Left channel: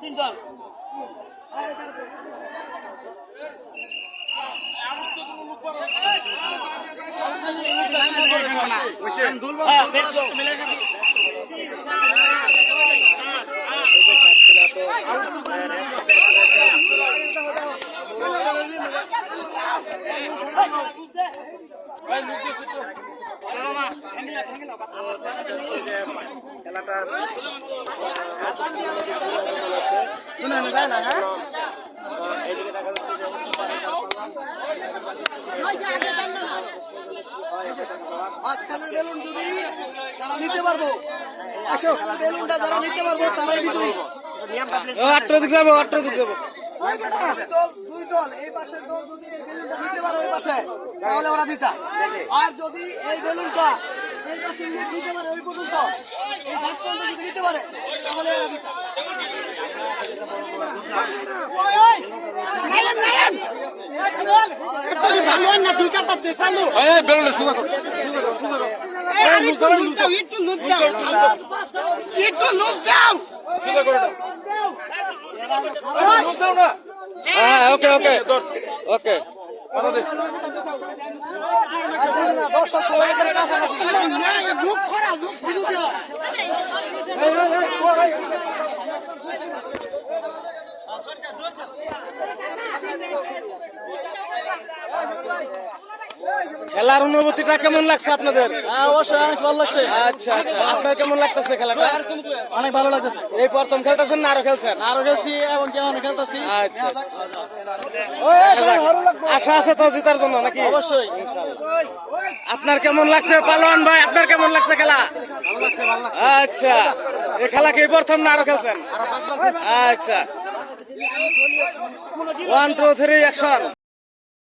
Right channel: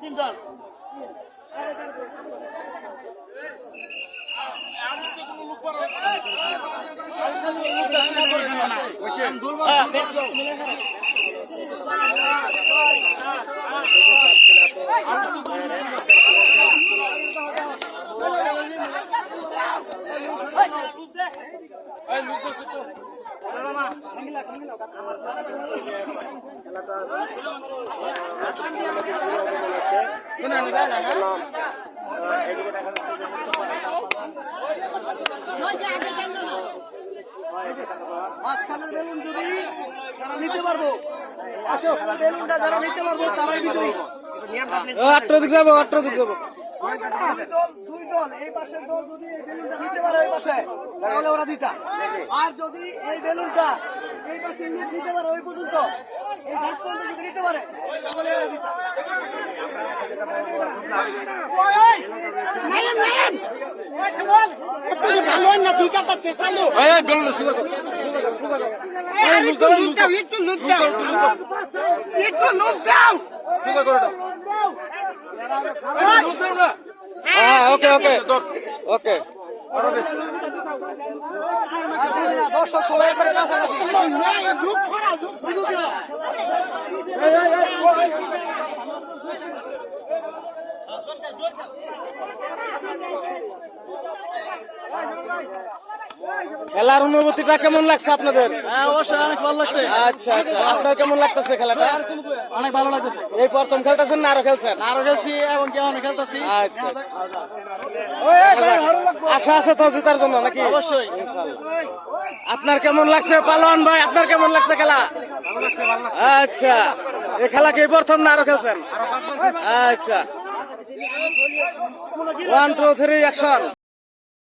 তিনজন মাঝখানের বেলুন যদি যারা নিতে পারবো, মাঝখানের বেলুনটা যারা নিতে পারবো তারাই বিজয়ী। দুই দল এই পাশের দল যদি এই বেলুনটা নিতে পারে ওই পাশে, তাহলে ওরা জিতা। আর যদি এই বেলুনটা এই পাশে নিতে পারে ওই পর্যন্ত, এই ঘাট পর্যন্ত যদি নিতে পারে তাহলে ওরা জিতা। ওকে ওকে ওকে আর বুঝি না, দর্শক সবাই একবারে কাছাকাছি। খেলার অনুভূতিটা কেমন লাগছে আপনাদের? অবশ্যই অনেক ভালো লাগছে। আচ্ছা আচ্ছা, আপনার কেমন লাগতেছে খেলাটা? অনেক ভালো লাগতেছে। এই প্রথম খেলতেছেন না আরো খেলছেন? আরো খেলছি এবং কেমন খেলতেছি। আচ্ছা আশা আছে তো জেতার জন্য নাকি? অবশ্যই। আপনার কেমন লাগছে পালোয়ান ভাই? আপনার কেমন লাগছে খেলা? ভালো লাগছে, ভালো লাগছে। আচ্ছা, এই খেলা কি প্রথম না আরো খেলছেন? আচ্ছা, 1 2 3 অ্যাকশন।